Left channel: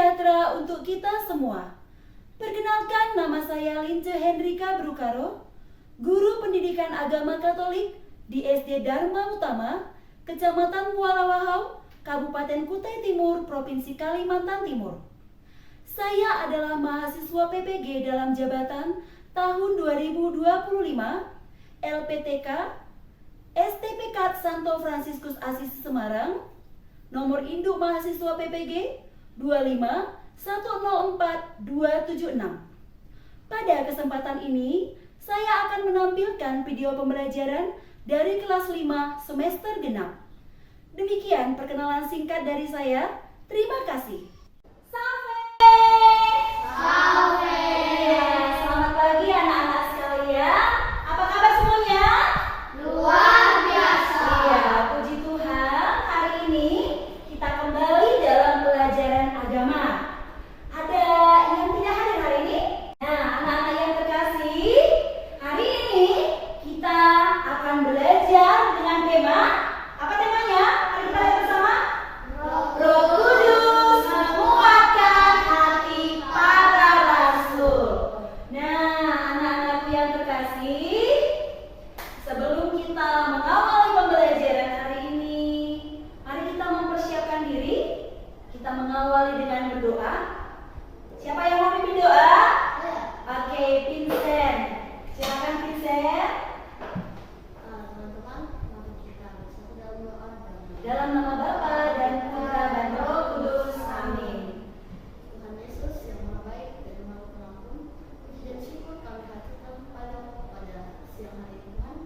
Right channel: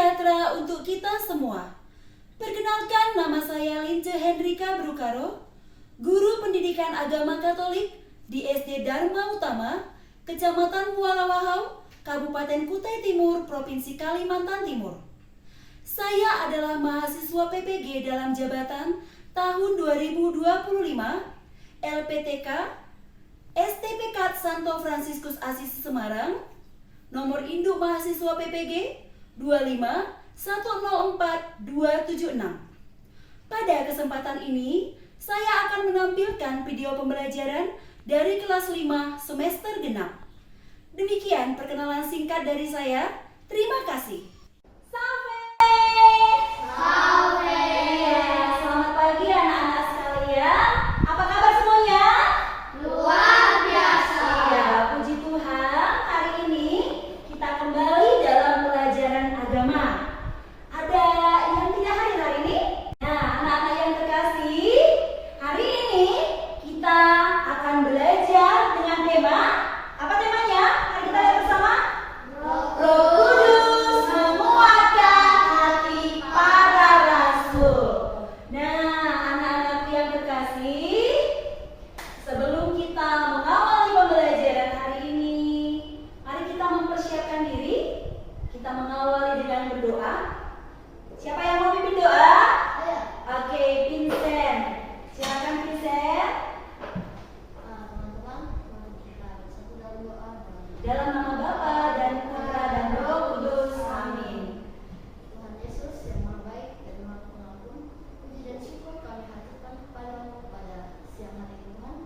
sejahtera untuk kita semua. Perkenalkan, nama saya Lince Hendrika Brukaro, guru pendidikan agama Katolik di SD Dharma Utama, Kecamatan Muara Wahau, Kabupaten Kutai Timur, Provinsi Kalimantan Timur. Saya adalah mahasiswa PPG dalam jabatan tahun 2025, LPTK, STPK Santo Fransiskus Assisi Semarang, nomor induk mahasiswa PPG 25104-276. Pada kesempatan ini, saya akan menampilkan video pembelajaran dari kelas 5 semester genap. Demikian perkenalan singkat dari saya. Terima kasih. Selamat pagi anak-anak sekalian. Apa kabar semuanya? Luar biasa. Ya, puji Tuhan, hari ini kita kembali dalam pelajaran agama. Ada yang tidak hadir hari ini? Nah, anak-anak yang terkasih, hari ini kita akan belajar dengan tema. Apa temanya? Mari kita lihat bersama. Roh Kudus menguatkan hati para rasul. Nah, anak-anak yang terkasih, sebelum kita mengawali pembelajaran hari ini, mari kita mempersiapkan diri. Kita mengawali dengan berdoa. Siapa yang mau pimpin doa? Oke, Vincent. Silakan Vincent. Teman-teman, mari kita bersatu dalam doa. Dalam nama Bapa dan Putra dan Roh Kudus. Amin. Tuhan Yesus yang maha baik dan maha pengampun, puji dan syukur kami haturkan kepadamu pada siang hari Tuhan.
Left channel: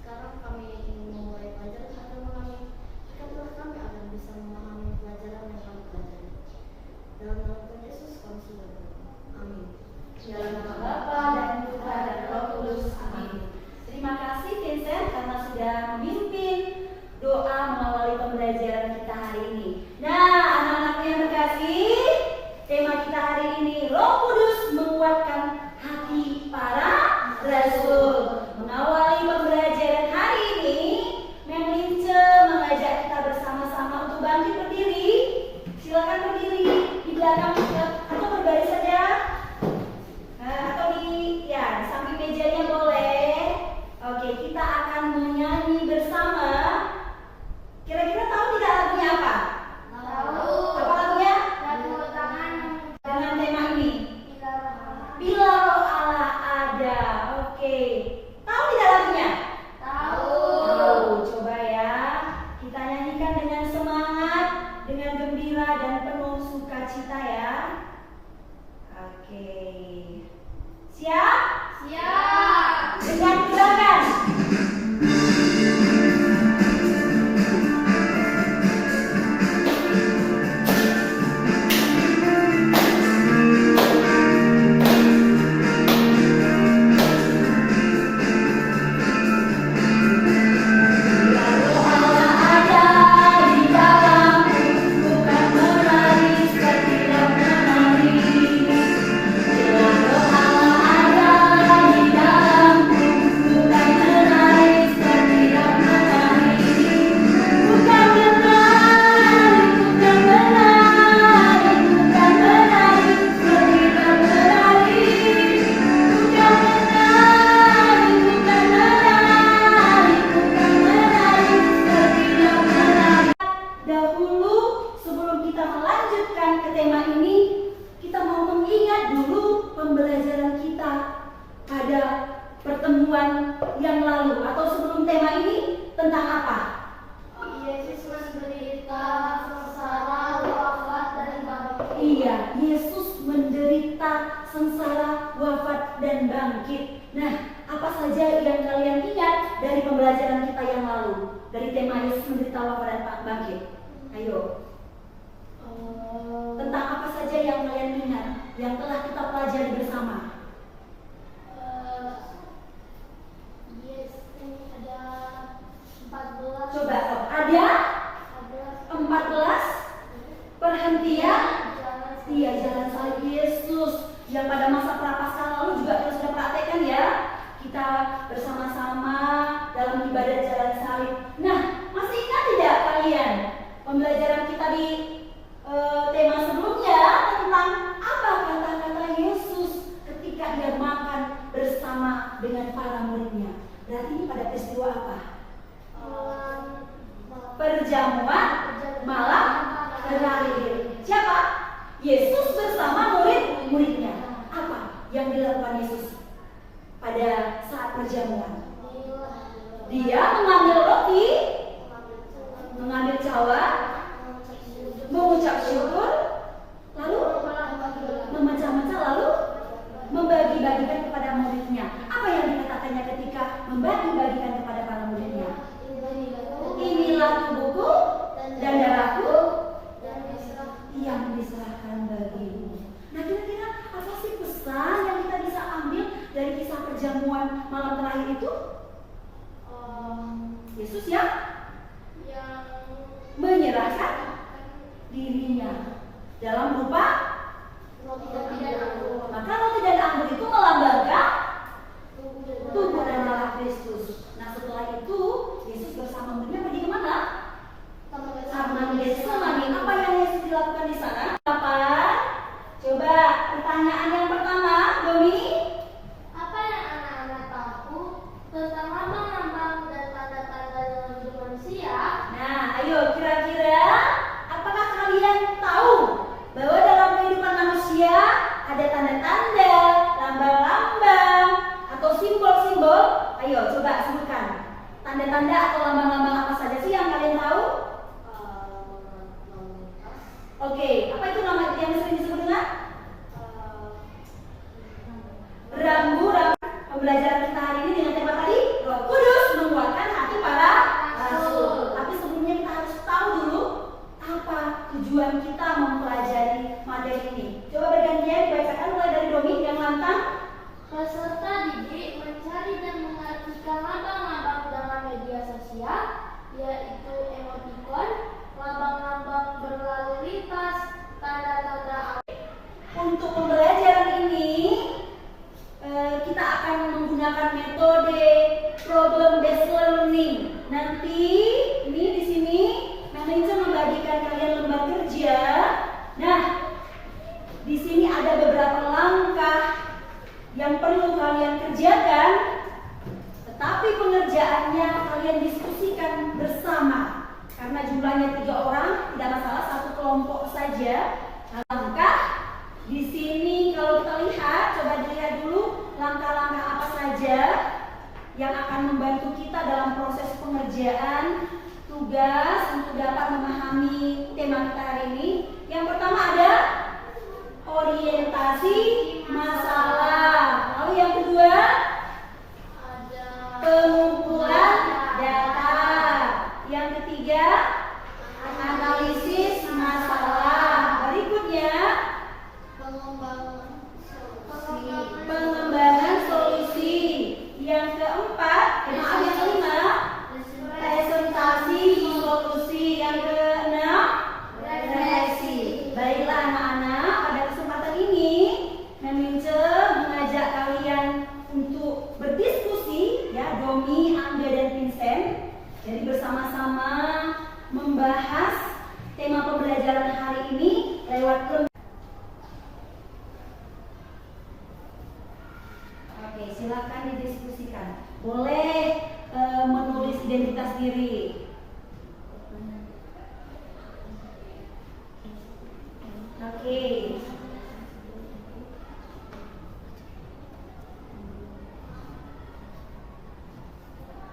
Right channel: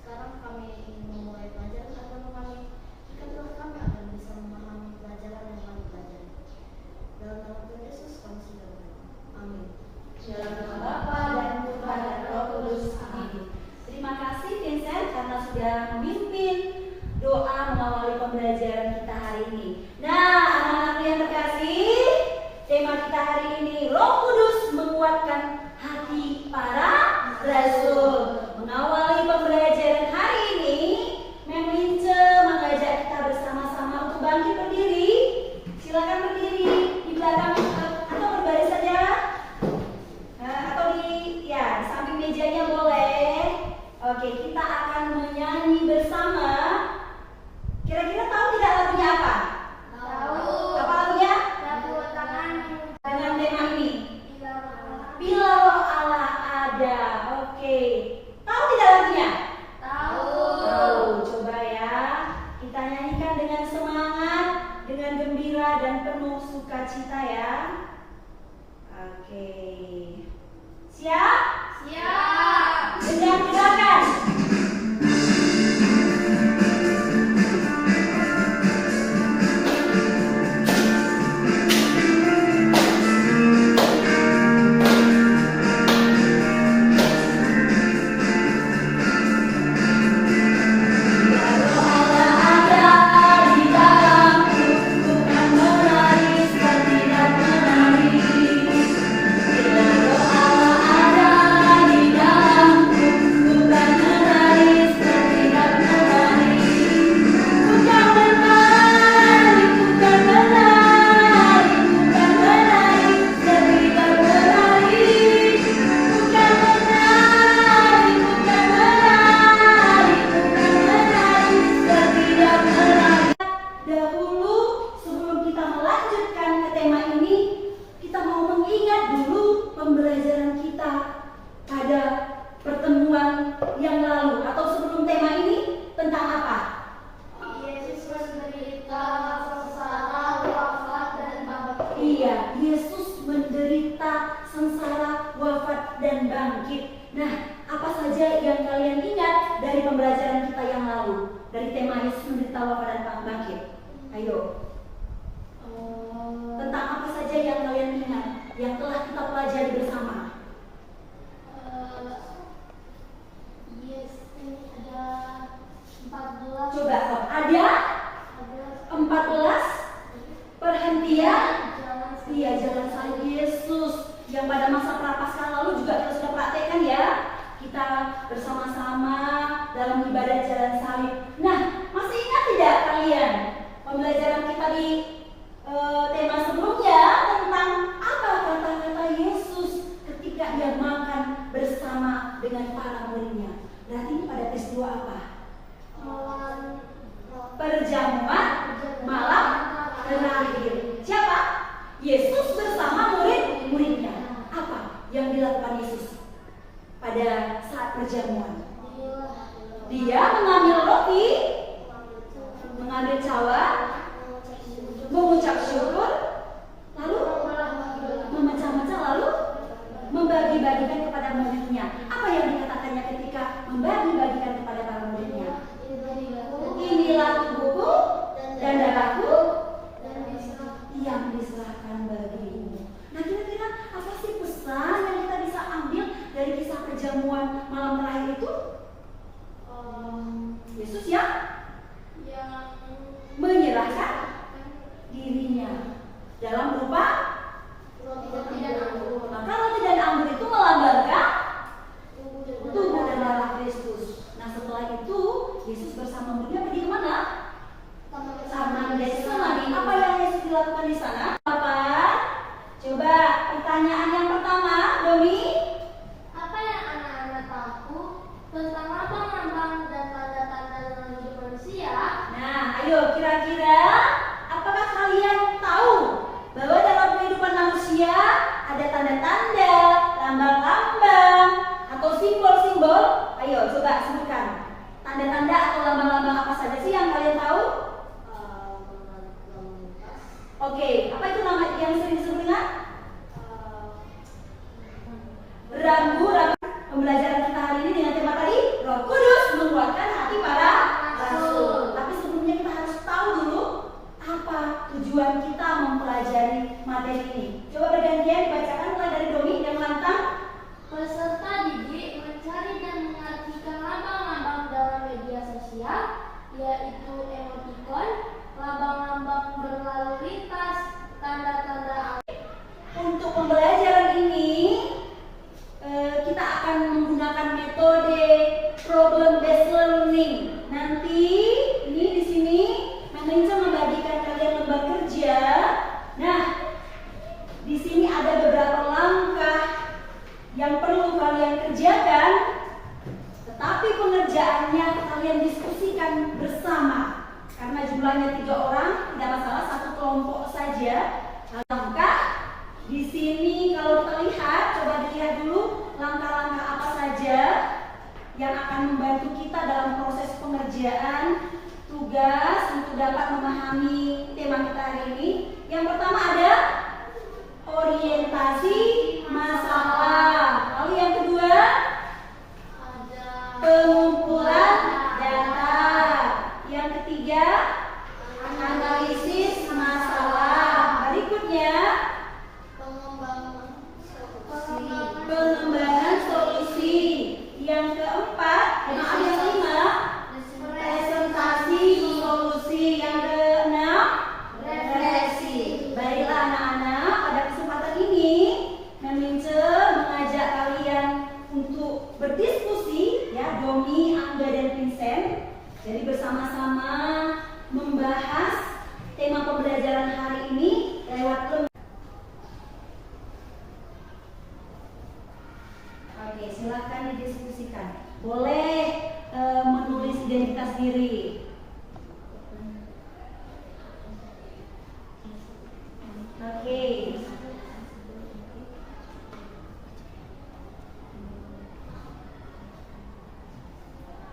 Sekarang kami ingin memulai pelajaran agama kami. Berkatilah kami agar bisa memahami pelajaran yang kami pelajari. Dalam nama Tuhan Yesus kami sudah berdoa. Amin. Dalam nama Bapa dan Putra dan Roh Kudus. Amin. Terima kasih Vincent karena sudah memimpin doa mengawali pembelajaran kita hari ini. Nah, anak-anak yang terkasih, tema kita hari ini Roh Kudus menguatkan hati para rasul. Mengawali pembelajaran hari ini, Mem Lince mengajak kita bersama-sama untuk bangkit berdiri. Silakan berdiri di belakang atau berbaris saja. Atau di samping mejanya boleh. Oke, kita akan menyanyi bersama. Kira-kira tahu tidak lagunya apa? Tahu. Apa lagunya? Tepuk tangan. Dengan tema ini. Bila Roh Allah ada. Oke. Tahu tidak lagunya? Tahu. Tahu. Coba ya. Kita nyanyikan dengan semangat, dengan gembira dan penuh sukacita ya. Oke. Siap? Siap. Dengan gerakan. Dahulu sebelum kita melanjutkan ke tema ini, kita mau mengingat dulu pembelajaran kita pada pertemuan yang lalu atau sebelum tema ini tentang apa? Yesus menderita, sengsara, wafat, dan bangkit. Iya, Yesus menderita, sengsara, wafat, dan bangkit. Nah, apa saja yang kalian ingat dari pembelajaran kita yang lalu? Dari tema Yesus menderita, wafat, dan bangkit. Ayo. Tentang apa saja yang kalian ingat, yang telah kita pelajari bersama? Yes, ini ada 14. Coba, ada 14 perhentian. Iya, jalan salib Yesus yang pada masa prapaskah lalu juga kita sudah praktekkan ya. Kita bersama-sama dalam ibadah jalan salib. Nah, masih ingat tidak kalian pembelajaran kita di tema sebelumnya? Yesus bersama murid-muridnya. Apa yang dilakukan Yesus pada saat perjamuan? Dia mengambil roti, mengambil cawan, mengucap syukur, lalu memecah-mecah, lalu membagi-bagikan kepada muridnya. Apa yang dikatakannya ketika membagi-bagikan kepada para muridnya? Inilah tubuhku dan darahku yang diserahkan bagimu. Nah, kira-kira apa sih pesan yang kita bisa ambil dari kisah perjamuan malam terakhir itu? Yesus yang menyerahkan dirinya dalam rupa roti dan anggur. Maka roti dan anggur itu melambangkan tubuh dan darah Kristus. Nah, setelah itu Yesus bersama muridnya pergi kemana? Taman Getsemani. Apa yang Yesus dilakukan di sana? Apa? Coba pertanyaan yang pertama, Domi. Apa yang anak-anak tahu tentang lambang-lambang dan tanda-tanda dalam hidup manusia? Nah, ayo kira-kira apakah kalian tahu bahwa dalam kehidupan manusia ada tanda-tanda, lambang-lambang, atau simbol-simbol? Ayo coba sebutkan. Tanda-tanda atau lambang-lambang apa saja sih yang kalian tahu? Oke, apa itu nama yang sering disebut dengan? Rambu-rambu. Pembelajaran kita hari ini dengan tema tadi, Roh Kudus menguatkan hati para rasul. Tapi sebelumnya kita harus tahu dulu apa tujuan kita mempelajari materi ini. Coba bergantian dibacakan mulai dari Domi yang lantang. Peserta didik mencari dan mengartikan lambang-lambang dalam media sosial, yaitu emoticon, lambang-lambang berlalu lintas, tanda-tanda. Untuk pembelajaran ini kita akan menggunakan metode problem based learning. Nanti ini di sini manajer membagikan kalian lembar kerja. Nah, di sini ada beberapa langkah yang perlu kalian kerjakan, tetapi pengerjaannya kalian diskusikan bersama. Karena jumlahnya 3 orang, tidak masalah, satu kelompok saja. Langkah di sini kalau kita lihat, coba dilihat dulu langkah-langkah apa saja yang akan membantu kita dalam proses pengerjaan tugas untuk dapat memahami tema kita hari ini. Yang pertama ada orientasi masalah. Lalu yang kedua pengumpulan data. Yang ketiga analisis masalah. Berikutnya pengembangan solusi. Yang keempat, maaf yang kelima, presentasi solusi. Yang keenam, refleksi. Baiklah anak-anak, pada kesempatan ini Memince mengajak kalian untuk berdiskusi, ya, Domi, Angga, dan Vincent. Jadi bersama-sama membahas tema pembelajaran hari ini lewat Oke, silakan didiskusikan. Boleh menulis identitas diri. Oke.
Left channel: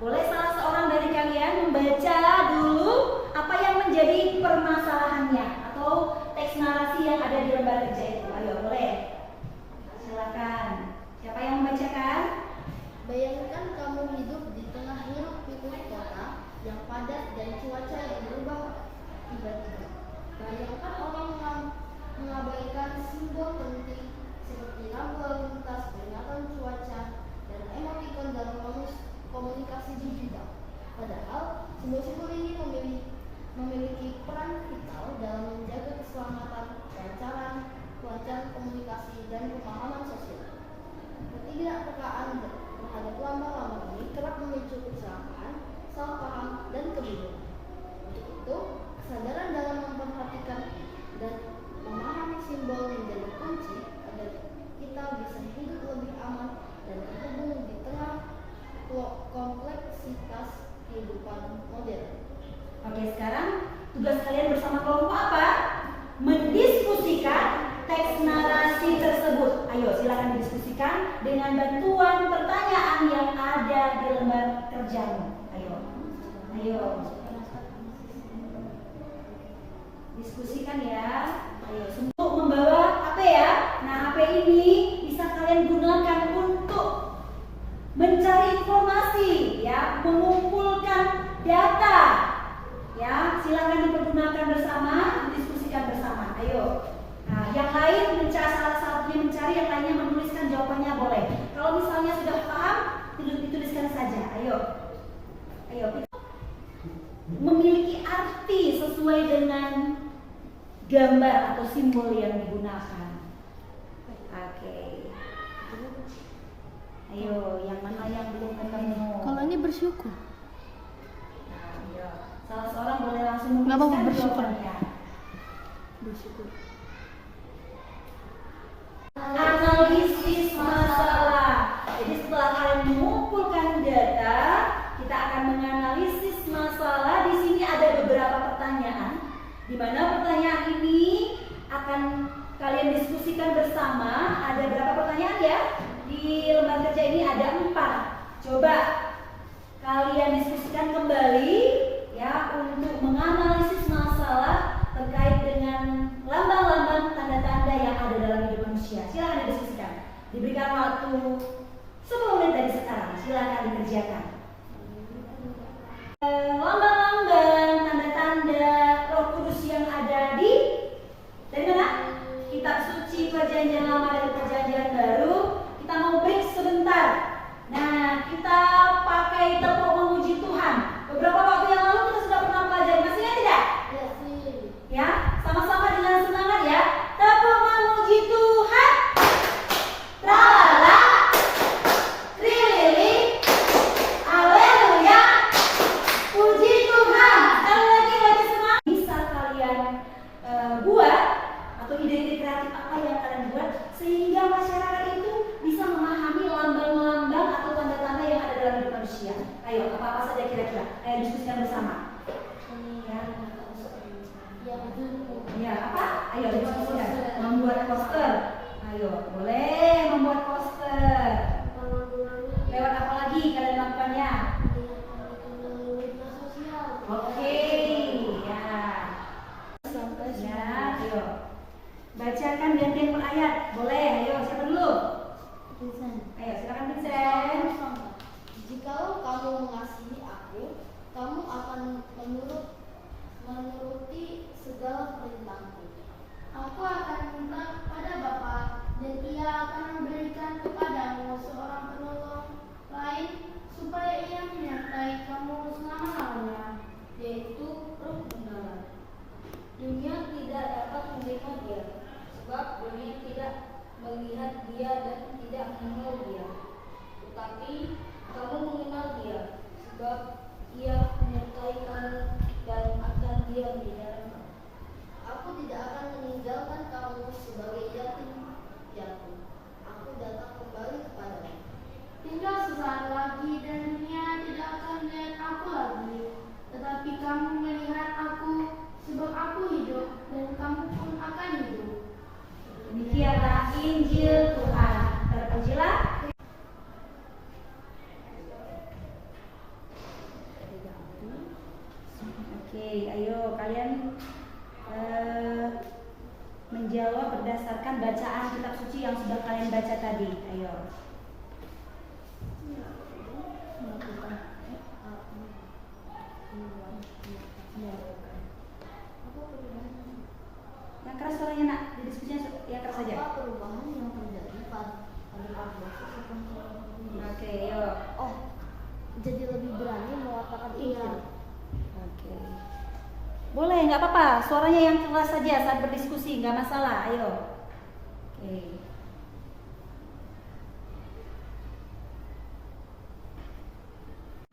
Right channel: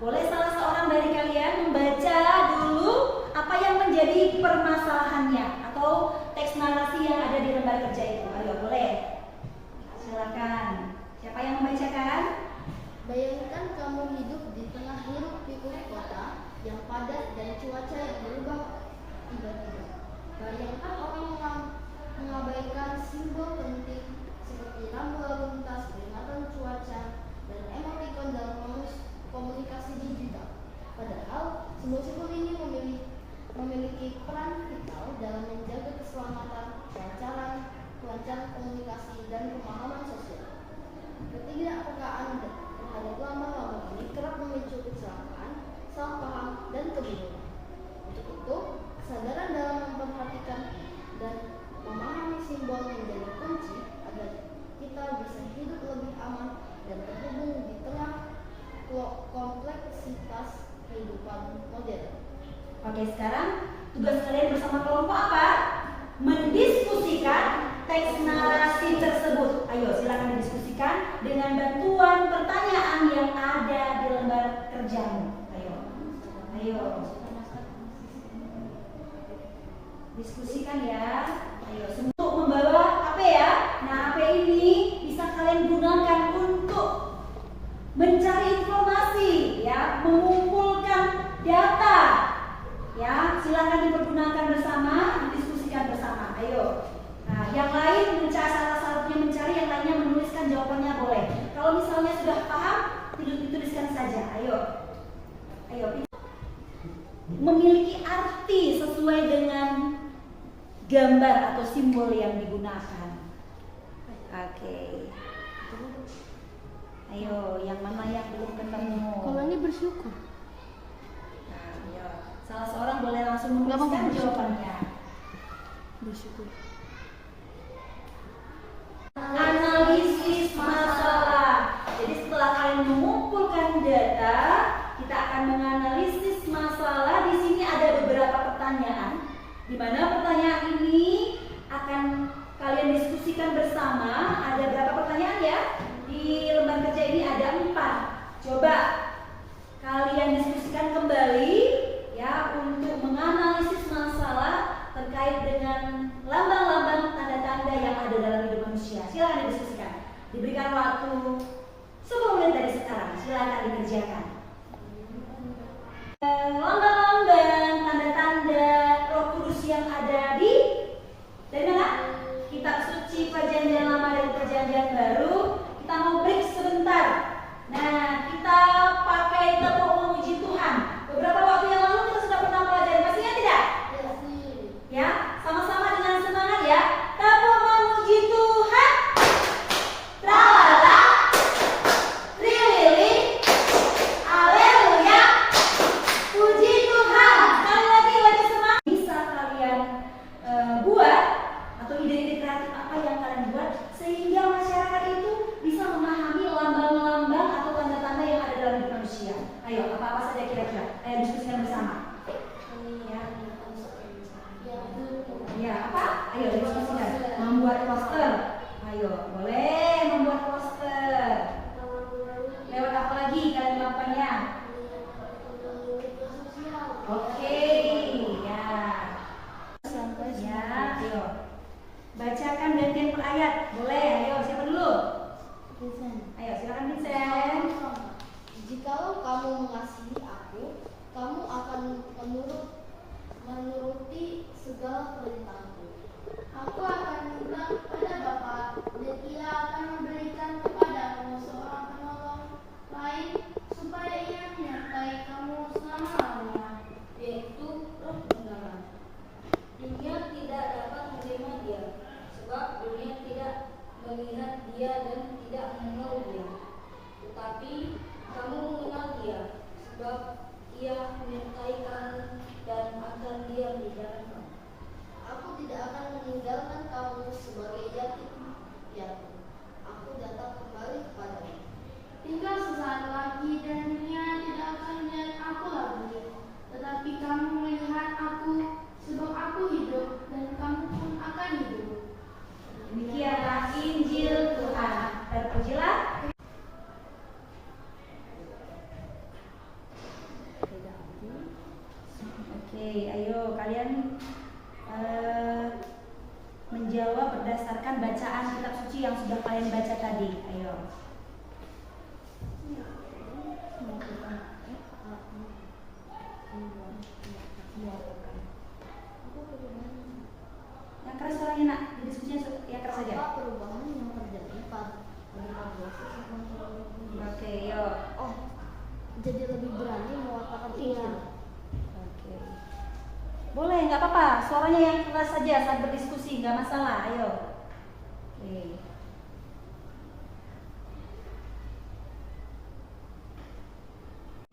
Boleh salah seorang dari kalian membaca dulu apa yang menjadi permasalahannya atau teks narasi yang ada di lembar kerja itu. Ayo, boleh. Silakan. Siapa yang membacakan? Bayangkan kamu hidup di tengah hiruk-pikuk kota yang padat dan cuaca yang berubah tiba-tiba. Bayangkan orang mengabaikan simbol penting seperti lampu lalu lintas, peringatan cuaca, dan emoticon dalam komunikasi digital. Padahal simbol-simbol ini memiliki peran vital dalam menjaga keselamatan, kelancaran komunikasi, dan pemahaman sosial. Ketidakpekaan terhadap lambang-lambang ini kerap memicu kecelakaan, salah paham, dan kebingungan. Untuk itu, kesadaran dalam memperhatikan dan memahami simbol menjadi kunci agar kita bisa hidup lebih aman dan terhubung di tengah kompleksitas kehidupan modern. Oke, sekarang tugas kalian bersama kelompok apa? Mendiskusikan teks narasi tersebut? Ayo silakan didiskusikan dengan bantuan pertanyaan yang ada di lembar kerjamu. Ayo. Diskusikan ya. Ayo, untuk membawa HP ya. Nah, HP ini bisa kalian gunakan untuk mencari informasi ya, mengumpulkan data. Ya, silakan dipergunakan bersama, didiskusikan bersama. Ayo. Nah, yang lain mencari, salah satunya mencari, yang lainnya menuliskan jawabannya boleh. Kalau misalnya sudah paham, dituliskan saja. Ayo. Memiliki arti sesuai dengan gambar atau simbol yang digunakan. Oke. Ayo, yang mana yang belum ketemu? Kalau ini bersyukur. Nah, ayo. Salah seorang boleh langsung menuliskan jawabannya. Bersyukur. Analisis masalah. Jadi setelah kalian mengumpulkan data, kita akan menganalisis masalah. Di sini ada beberapa pertanyaan, di mana pertanyaan ini akan kalian diskusikan bersama. Ada berapa pertanyaan ya? Di lembar kerja ini ada 4. Coba kalian diskusikan kembali ya untuk menganalisis masalah terkait dengan lambang-lambang tanda-tanda yang ada dalam hidup manusia. Silakan didiskusikan. Diberikan waktu 10 menit dari sekarang. Silakan dikerjakan. Lambang-lambang tanda-tanda Roh Kudus yang ada dari mana? Kitab suci Perjanjian Lama dan Perjanjian Baru. Kita mau break sebentar. Nah, kita pakai tepuk memuji Tuhan. Beberapa waktu yang lalu kita sudah pernah pelajari. Masih ingat tidak? Ya, sama-sama dengan semangat ya. Tepuk memuji Tuhan. Tralala. Trilili. Haleluya. Puji Tuhan. Sekali lagi lagi semangat. Bisa kalian buat atau ide-ide kreatif apa yang kalian buat sehingga masyarakat itu bisa memahami lambang-lambang atau tanda-tanda yang ada dalam hidup manusia. Ayo, apa-apa saja kira-kira. Ayo diskusikan bersama. Ya, apa? Ayo diskusikan. Membuat poster. Ayo, boleh membuat poster. Lewat apa lagi kalian melakukannya? Oke, ya. Ya, ayo. Bacakan gantian per ayat. Boleh, ayo siapa dulu? Ayo silakan Vincent. Jikalau kamu mengasihi aku, kamu akan menuruti segala perintahku. Aku akan minta kepada Bapa, dan Ia akan memberikan kepadamu seorang penolong lain, supaya Ia menyertai kamu selama-lamanya, yaitu Roh Penggaram. Dunia tidak dapat menerima dia, sebab dunia tidak melihat dia dan tidak mengenal dia. Tetapi kamu mengenal dia, sebab ia menyertai kamu dan akan diam di dalam kamu. Aku tidak akan meninggalkan kamu sebagai yatim piatu. Aku datang kembali kepadamu. Tinggal sesaat lagi dan dunia tidak akan melihat aku lagi, tetapi kamu melihat aku, sebab aku hidup dan kamu pun akan hidup. Demikianlah Injil Tuhan. Terpujilah. Oke, ayo kalian menjawab berdasarkan bacaan kitab suci yang sudah kalian baca tadi. Ayo. Yang keras suaranya nak, di diskusinya yang keras saja. Apa perubahan yang terjadi pada 14 Oke, yuk. Oh, jadi lebih berani mewartakan Injil. Oke. Boleh, nggak apa-apa. Suaranya yang keras saja saat berdiskusi, nggak masalah. Ayo. Oke.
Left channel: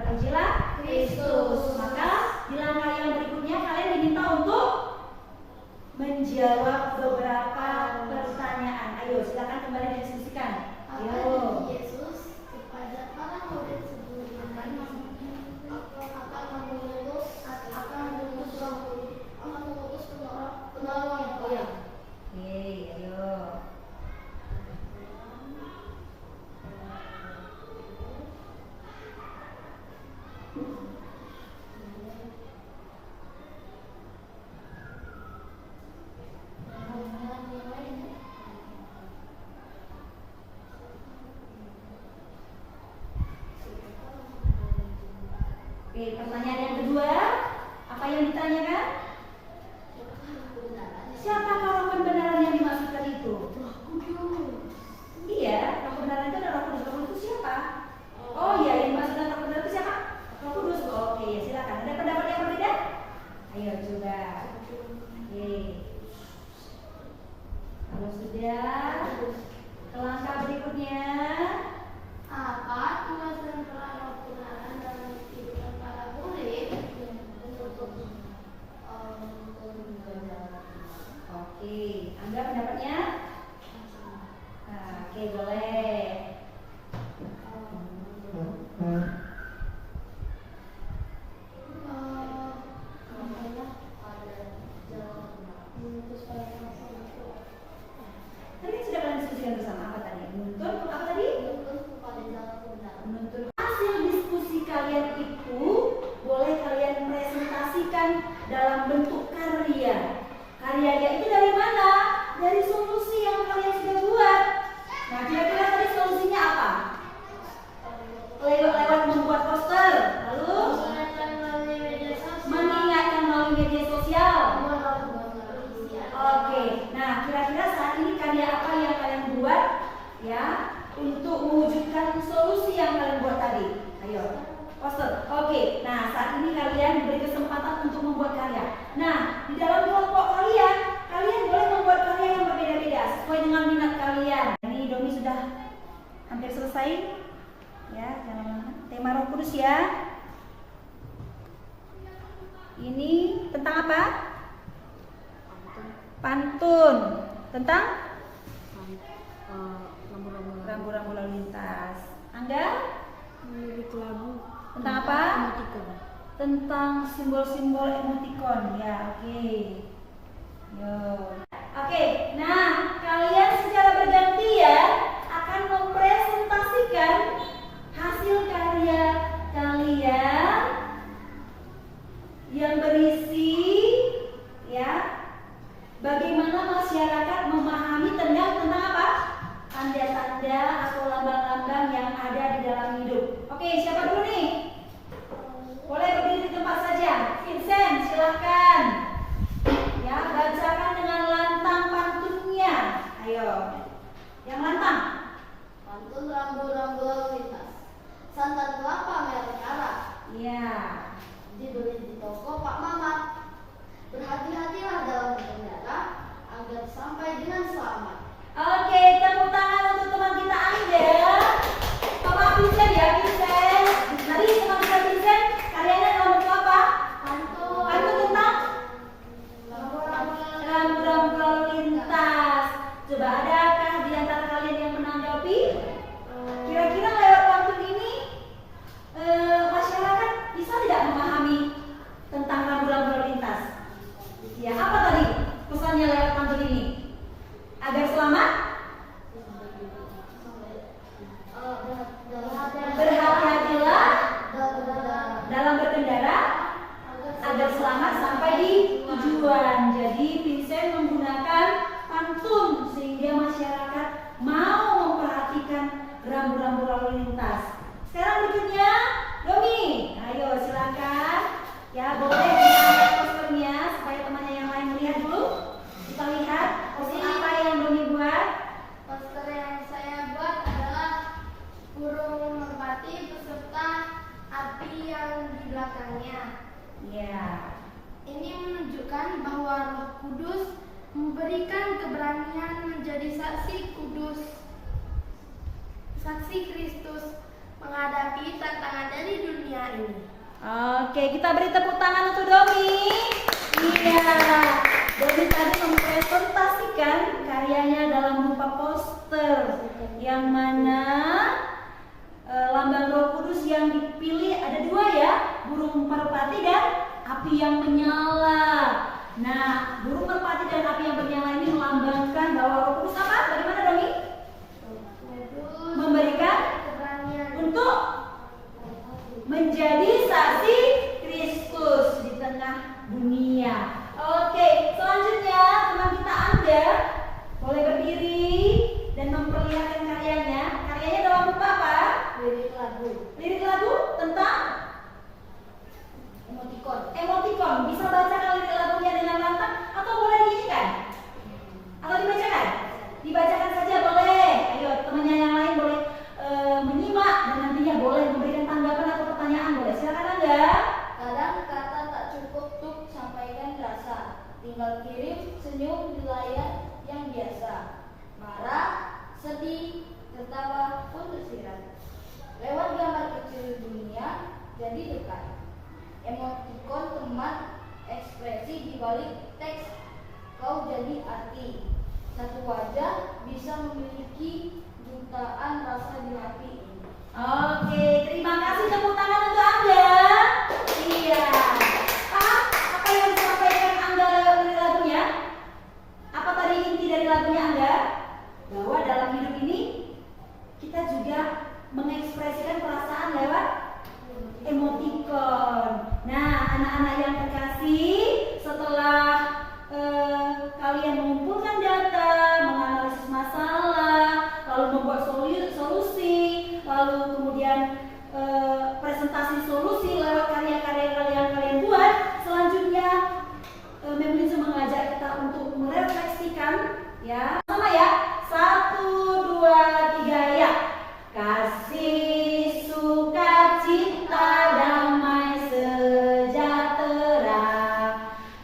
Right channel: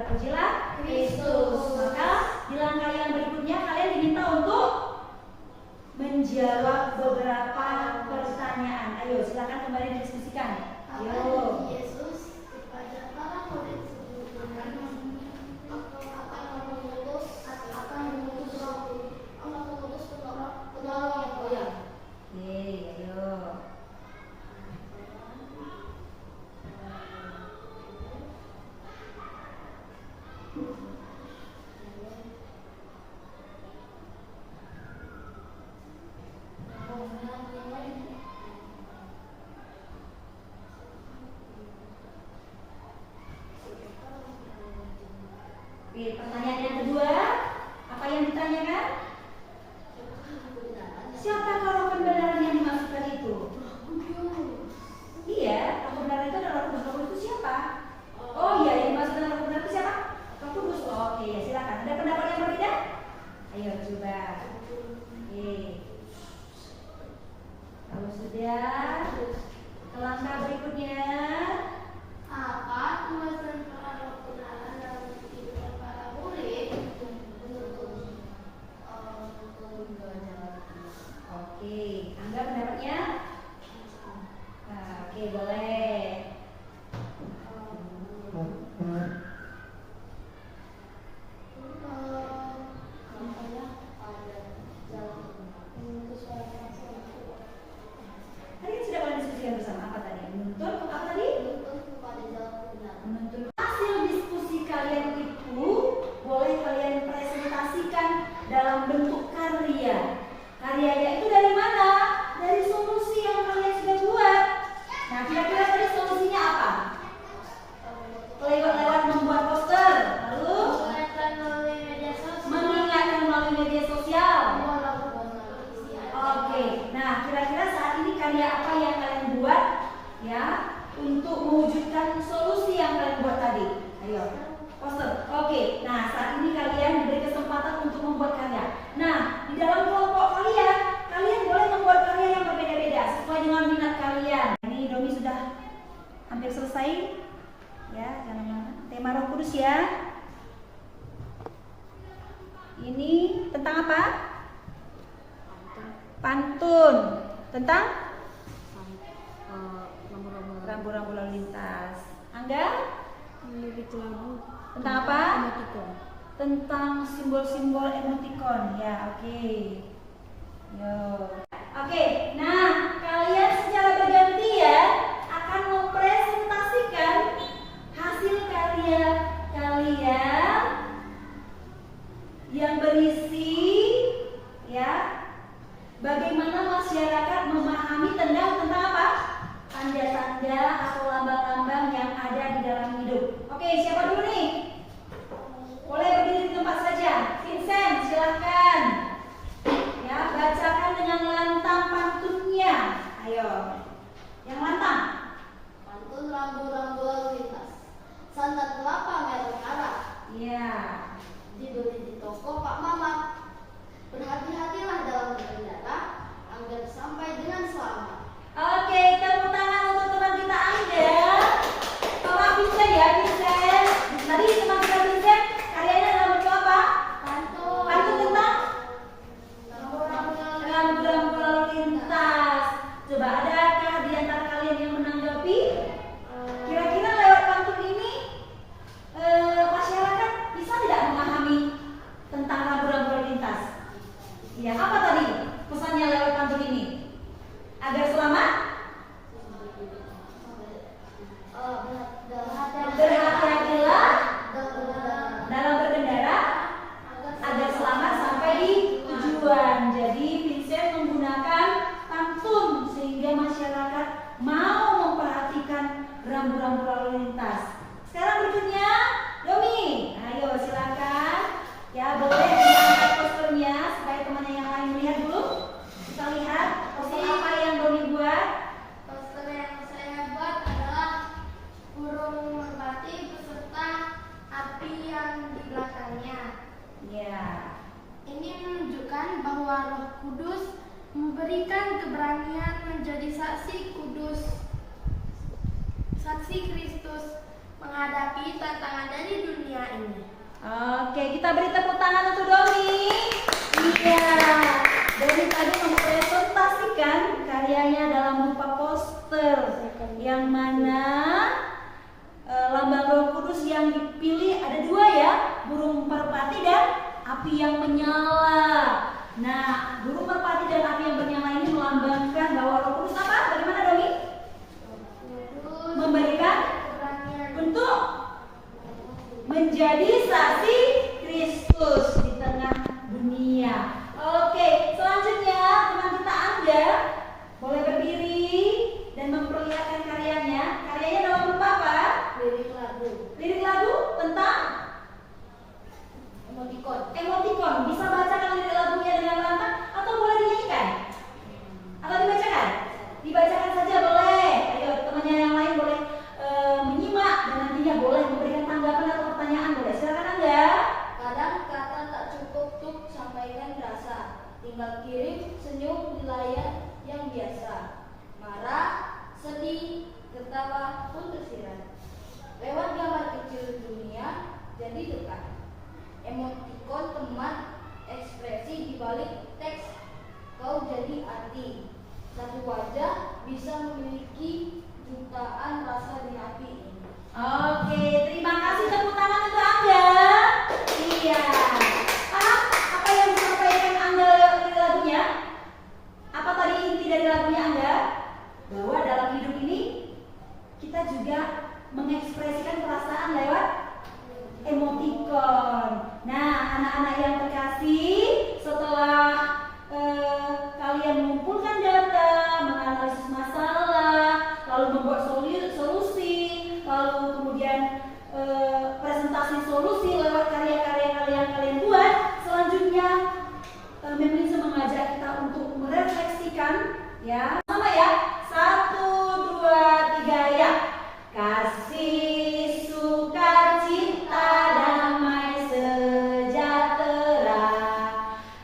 Terpujilah Kristus. Maka di langkah yang berikutnya kalian diminta untuk menjawab beberapa pertanyaan. Ayo, silakan kembali didiskusikan. Ayo. Yesus kepada para murid sebelumnya akan mengutus penolong. Oke, ayo. Oke, pertanyaan yang kedua, apa yang ditanyakan? Siapakah roh kebenaran yang dimaksudkan itu? Iya, roh kebenaran itu adalah Roh Kudus. Itu siapa? Oh iya, yang dimaksudkan roh kebenaran itu siapa? Roh Kudus. Oke, ya silakan. Ada pendapat yang berbeda? Ayo coba. Oke. Kalau sudah, ke langkah berikutnya. Apa tulisan peran roh kebenaran dalam kehidupan para murid? Oke, Angga pendapatnya? Nah, oke, boleh. Tadi kan sudah kalian diskusikan bersama apa tadi? Menuntun apa tadi? Menuntun. Hasil diskusi kalian itu boleh kalian presentasikan dalam bentuk karya. Karyanya itu dari mana? Dari solusi yang kalian sudah buat. Nah, kira-kira tadi solusinya apa? Lewat membuat poster, lalu mengingatkan melalui media sosial. Oke, nah kira-kira saat ini karya apa yang kalian buat ya untuk mewujudkan solusi yang kalian buat tadi? Ayo, poster. Oke, nah saat ini kalian diberi kesempatan untuk membuat karya. Nah, di dalam kelompok kalian, kalian boleh membuat karya yang berbeda-beda sesuai dengan minat kalian. Ini Domi sudah hampir selesai. Ya, jangan lama. Tema Roh Kudus ya. Ini tentang apa? Pantun. Tentang rambu-rambu lalu lintas. Angga? Lirik lagu. Tentang apa? Emoticon. Tentang simbol-simbol emoticon. Ya, oke. Yo. Oke, nah kalian secara bergantian akan mempresentasikan hasil karya kalian yang berisi ya bagaimana masyarakat memahami tentang apa? Tanda-tanda atau lambang-lambang yang ada di dalam hidup. Oke, siapa dulu nih? Boleh berdiri di tempat saja. Vincent, silahkan. Ya, bacakan dengan lantang pantunnya. Ayo. Yang lantang. Pantun rambu-rambu lalu lintas. Santan kelapa merek Arab. Iya. Dibeli di toko Pak Mamat. Berhati-hatilah dalam berkendara agar sampai dengan selamat. Oke, tepuk tangan untuk teman kita Angga. Sama Vincent ya, Vincent. Tadi teman kita Vincent karyanya dalam bentuk apa? Pantun. Pantun tentang Rambu-rambu rambu-rambu lalu lintas. Coba adakah di antara kalian yang menanggapi? Kira-kira lewat pantun ini masyarakat bisa tidak memahami tentang rambu-rambu lalu lintas? Ya, apa tadi pesannya lewat pantun ini? Agar selamat? Berhati-hatilah dalam berkendara agar selamat sampai di tujuan. Jadi Vincent menggunakan pantun sehingga masyarakat mau memperhatikan rambu-rambu lalu lintas. Sekarang berikutnya Domi, ayo silakan. Ya, boleh diangkat posternya supaya temannya yang lain melihat dulu. Kita lihat poster apa yang Domi buat. Poster yang saya buat adalah burung merpati beserta api yang di belakangnya. Ya. Ini menunjukkan bahwa Roh Kudus memberikan keberanian menjadi saksi kudus, saksi Kristus menghadapi tantangan dari dunia ini. Oke, kita beri tepuk tangan untuk Domi. Iya, Domi tadi mempresentasikan karyanya dalam berupa poster yang mana lambang Roh Kudus yang dipilih ada dua ya, burung merpati dan api yang menyala. Nah, burung merpati dan api yang menyala ini melambangkan Boleh berdiri dan memperlihatkan karyanya. Karyanya dalam bentuk apa? Lirik lagu. Lirik lagu tentang Emoticon. emoticon. Bisa bacakan lirik lagunya dengan lantang atau boleh dinyanyikan? Atau dibacakan? Dibacakan saja boleh. Ayo temannya yang lain boleh menyimak dan nantinya boleh memberikan tanggapan atau pertanyaan boleh. Silakan Angga. Kadang kata tak cukup untuk sampaikan rasa. Tinggal kirim senyum di layar yang biasa. Marah, sedih, tertawa pun tersirat. Lewat gambar kecil dunia jadi dekat. Emoticon teman ekspresi di balik teks. Kau jadi arti. Satu wajah bisa memiliki jutaan rasa di hati ini. Oke, terima kasih, tepuk tangan untuk Angga. Iya. Paham apa yang disampaikan Angga dari lagunya? Apa tadi inti dari lagunya Angga? Bahwa dalam hidup ini kita juga mengekspresikan perasaan lewat emoticon. Nah, anak-anak yang terkasih, setelah kalian mengumpulkan data, menganalisis masalah, lalu membuat solusi, lalu kemudian presentasi solusi lewat karya-karya yang kalian buat, selanjutnya Memlinzo mengajak kita untuk merefleksikan, ya, sama ya. 1, 2, 3 ya. Kasih, sukacita, damai sejahtera,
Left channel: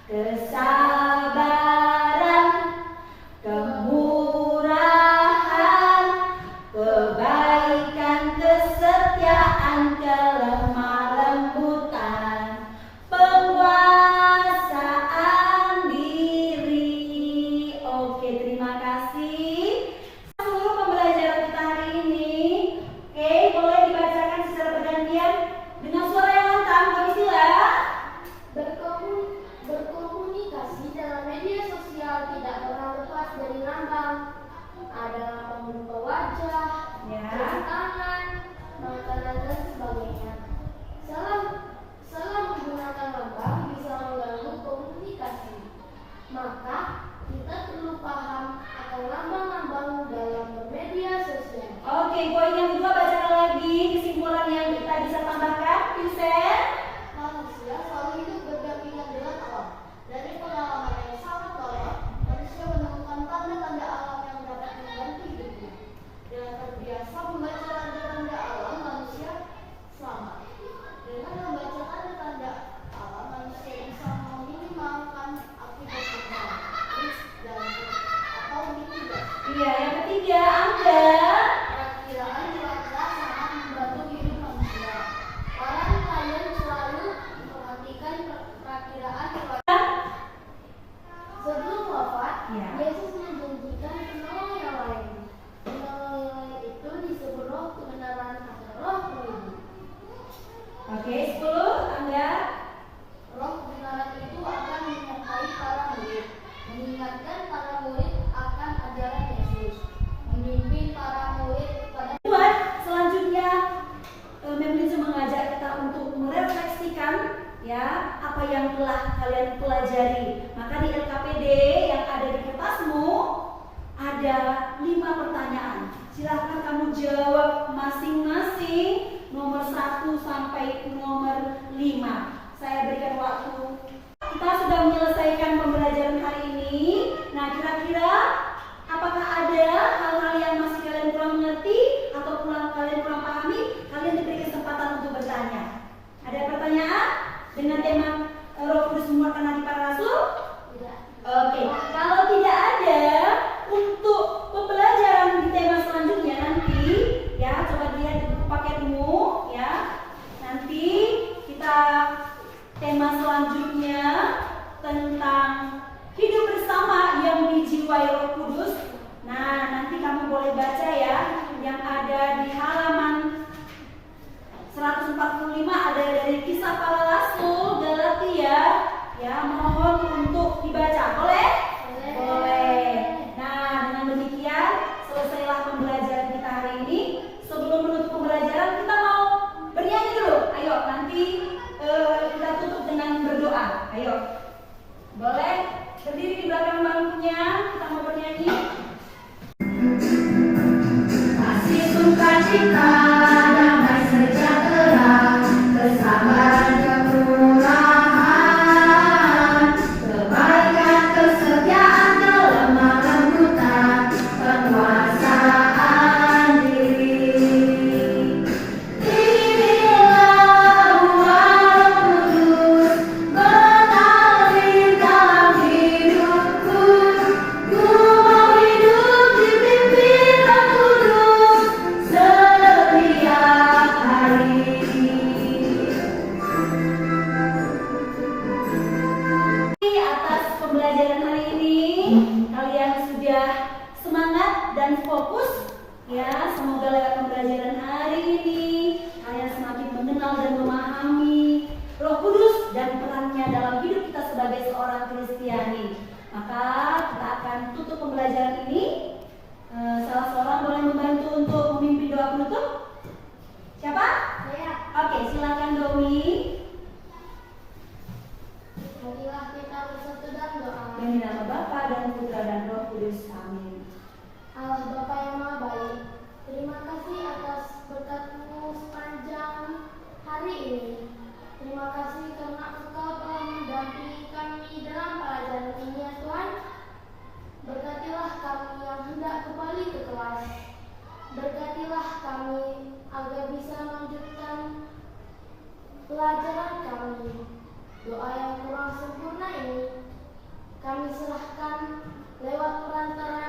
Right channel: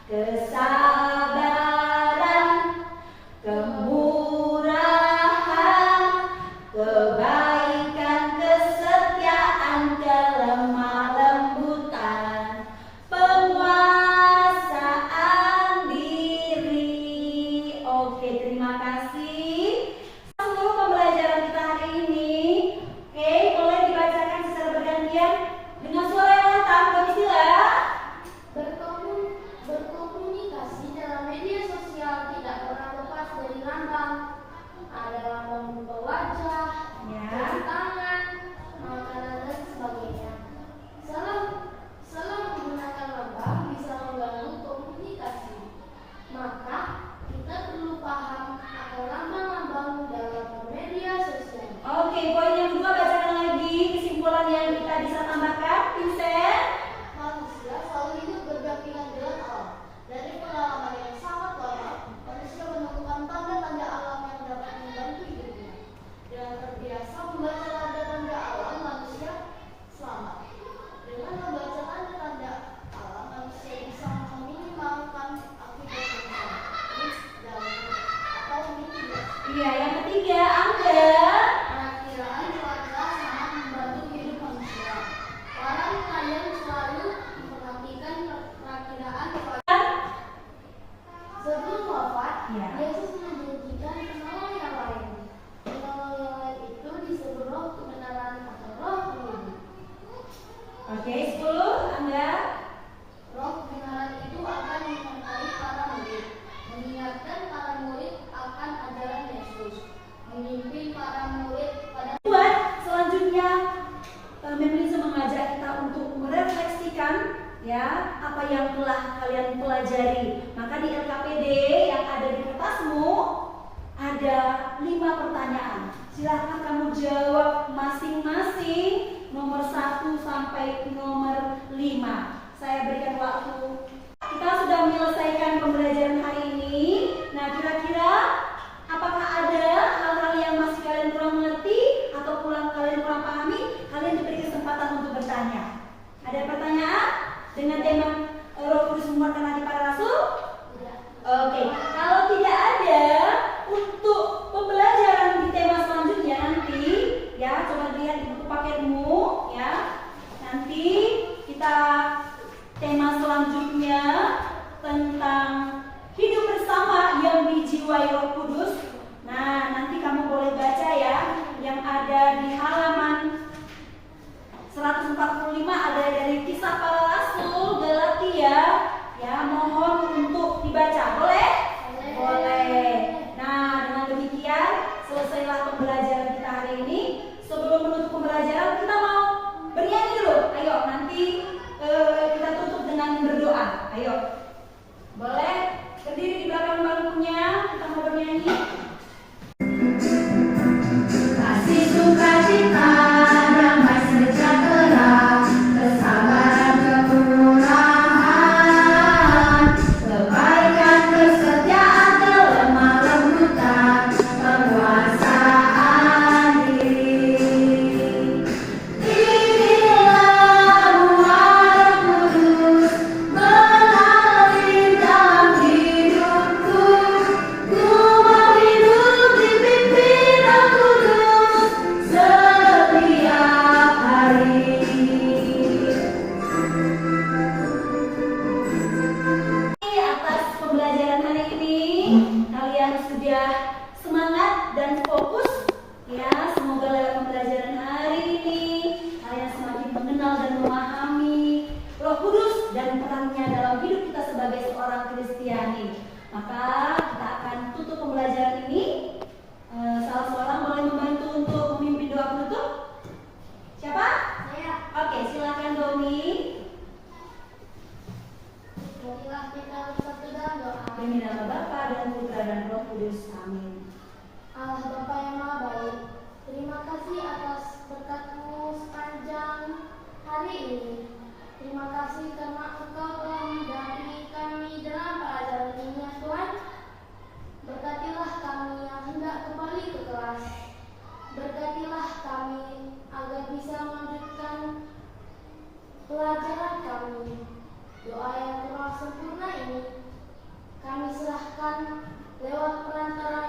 kesabaran, kemurahan, kebaikan, kesetiaan, kelemah lembutan, penguasaan diri. Oke, terima kasih. Seluruh pembelajaran kita hari ini. Oke, boleh dibacakan secara bergantian dengan suara yang lantang, Mbak Priscilla. Berkomunikasi dalam media sosial tidak pernah lepas dari lambang. Ada lambang berupa wajah, Ya. tangan, makanan dan sebagainya. Salah menggunakan lambang bisa mengganggu komunikasi. Maka kita perlu paham akan lambang-lambang dalam media sosial. Oke, poin yang kedua bacakan lagi kesimpulan yang kita bisa tambahkan, Vincent. Manusia selalu hidup berdampingan dengan alam. Dari pengalaman yang sangat lama, manusia menemukan tanda-tanda alam yang dapat membantu hidupnya. Dengan terbiasa membaca tanda-tanda alam, manusia selamat. Dengan membaca tanda-tanda alam, manusia bisa meminimalkan akibat bencana, risk dan atau mitigasi. Iya, yang ketiga, Angga. Perakiraan cuaca sangat membantu hidup manusia. Para nelayan selalu memperhatikan perakiraan cuaca. Sebelum wafat, Ya. Yesus menjanjikan penolong yang lain. Penolong itu disebut roh kebenaran atau roh penghibur. Oke, 10, Angga. Roh kebenaran itu akan menyertai para murid, mengingatkan para murid akan ajaran Yesus, memimpin para murid kepada Buat selanjutnya Memlinzo mengajak kita untuk merefleksikan, ya, apa yang telah kalian pelajari. Maka di LKPD yang ada di kertasmu ada 5 pertanyaan. Silahkan kamu jawab masing-masing nomor 1 sampai nomor 5. Saya berikan waktu. Kita sudah menyelesaikan pembelajaran hari ini. Nah, kira-kira apakah ada hal-hal yang masih kalian kurang mengerti atau kalian kurang pahami? Kalian diberi kesempatan untuk bertanya. Ada pertanyaan dengan tema Roh Kudus menguatkan hati para rasul? Oke, kalau tidak ada, untuk pembelajaran di tema selanjutnya nanti, ya, coba lihat di buku paketmu, ya. Nanti kita tema selanjutnya tentang hidup bersama yang dijiwai Roh Kudus. Nah, nanti kamu boleh baca ya, yang ada di halaman 145 ada dari Kisah Para Rasul Galatia, ya, mohon untuk dibaca. Boleh? Boleh. Nah, dengan demikian selesailah pembelajaran kita hari ini. Sebelum menutup pembelajaran, kita mau bernyanyi dulu. Ayo, nanti kita tutup dengan berdoa. Ayo. Boleh? Berdiri di belakang bangkunya, kita mau bernyanyi. sukacita, damai sejahtera, kesabaran, kemurahan, kebaikan, kesetiaan, kelemah lembutan, penguasaan diri. Inilah Ruh Kudus mengalir dalam hidupku. Ku mau hidup dipimpin Roh Kudus setiap hari. Atas pembelajaran hari ini, kalian sudah semangat dan fokus ya. Semoga lewat pembelajaran hari ini kalian semakin mengenal dan memahami Roh Kudus dan perannya dalam hidup kita sebagai seorang Kristiani. Maka kita akan tutup pembelajaran ini. Salah seorang boleh membantu untuk memimpin doa penutup? Siapa? Saya, Oke, silakan Domi. marilah kita bersatu dalam doa. Demi nama Bapa dan Putra dan Roh Kudus. Amin. Allah Bapa yang Maha Baik, terima kasih atas berkat-Mu sepanjang hari ini. Terima kasih karena Engkau telah mendampingi kami dalam pelajaran ini ya Tuhan. Berkatilah kami yang hendak kembali ke kelas. Berkatilah kami agar bisa melanjutkan pelajaran kami. Doa yang kurang sempurna ini kami serahkan lewat perantara